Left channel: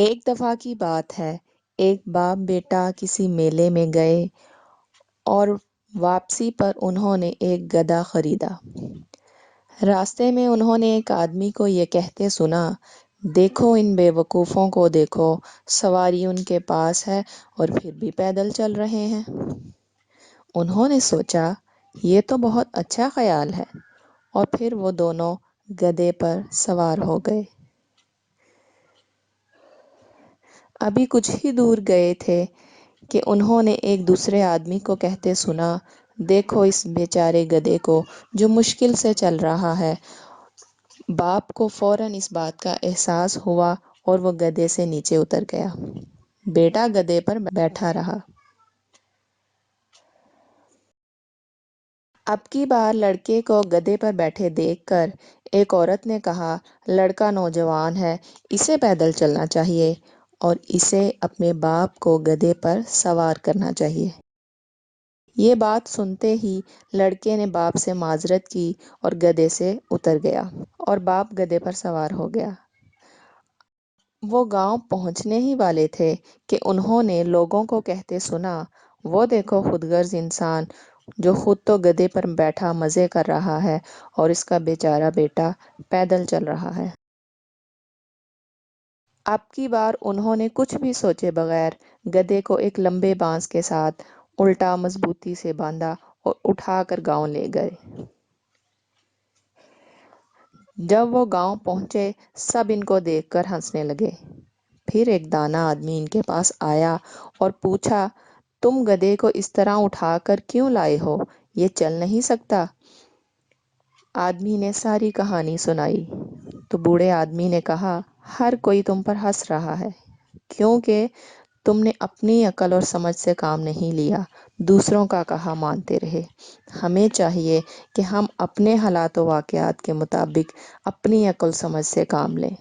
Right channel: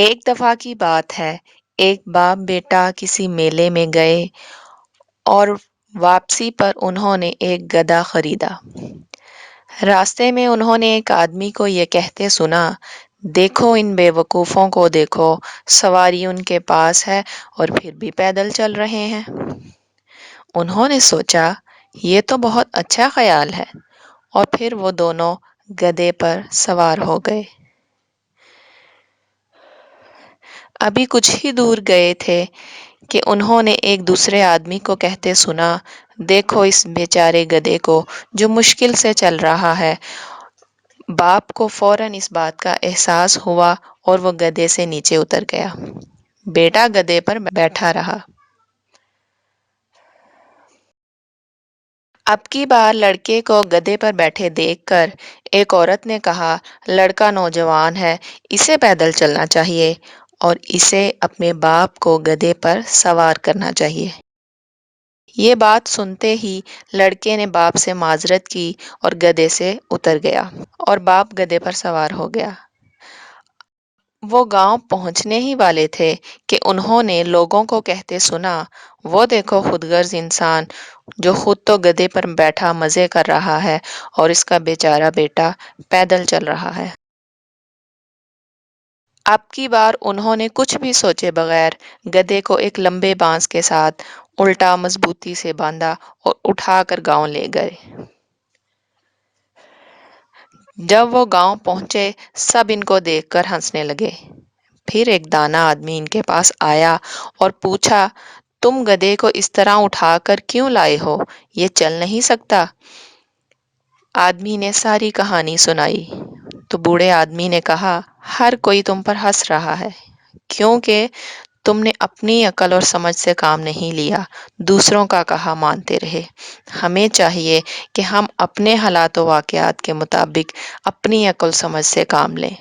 ایک دفعہ کی بات ہے، ایک باپ بیٹا کسی میلے میں گئے اور واپسی پر انہوں نے ایک گدھا خریدا۔ راستے میں انہوں نے ایک آدمی کو یہ کہتے سنا، دیکھو ان بے وقوفوں کو دیکھو، سواری ان کے پاس ہے اور پھر بھی پیدل چل رہے ہیں۔ انہوں نے سوچا یہ تو بہت اچھا خیال ہے، اور پھر وہ دونوں گدھے پر سوار ہو گئے۔ ابھی کچھ ہی دور گئے تھے کہ انہوں نے ایک دوسرے آدمی کو کہتے سنا، دیکھو اس بیچارے گدھے کو جو مشکل سے چل رہا ہے۔ باپ کو فوراً اس بات کا احساس ہوا اور وہ گدھے سے نیچے اتر گیا۔ بیٹا گدھے پر بیٹھا رہا۔ اب کی بار لڑکے کو گدھے پر بیٹھے دیکھ کر ایک عورت نے کہا، لڑکا نوجوان ہے، اسے پیدل چلنا چاہیے اور اسے اپنے باپ کو گدھے پر سوار کرنا چاہیے۔ یہ بات سنتے ہی لڑکے نے باپ سے معذرت کی اور گدھے سے اتر گیا اور باپ گدھے پر سوار ہو گیا۔ وہ گاؤں پہنچنے ہی والے تھے کہ انہوں نے لوگوں کو کہتے سنا، وہ دیکھو خود غرض انسان جو خود تو گدھے پر بیٹھا مزے کر رہا ہے اور اس کا بیچارہ بیٹا پیدل چل رہا ہے۔ اب کی بار انہوں نے کچھ بھی سوچے بغیر گدھے کو ایک لمبے بانس کے ساتھ الٹا مضبوطی سے باندھا اور اٹھا کر گاؤں لے گئے۔ جب وہ گاؤں پہنچے سب ان کو دیکھ کر ہنسنے لگے۔ پھر ایک دانا آدمی ان کے پاس آیا اور پوچھا، تم گدھے کو اس طرح اٹھا کر کیوں لائے ہو؟ یہ چل نہیں سکتا۔ آدمی نے ساری کہانی سنائی تو بوڑھے آدمی نے کہا، ہر کوئی تم پر ہنس رہا ہے کیونکہ تم نے اپنی عقل اور سمجھ سے کام نہیں لیا، دوسروں کا کہا مانتے رہے۔ ہمیں چاہیے کہ ہم اپنے حالات و واقعات کے مطابق اپنی عقل سمجھ سے کام لیں۔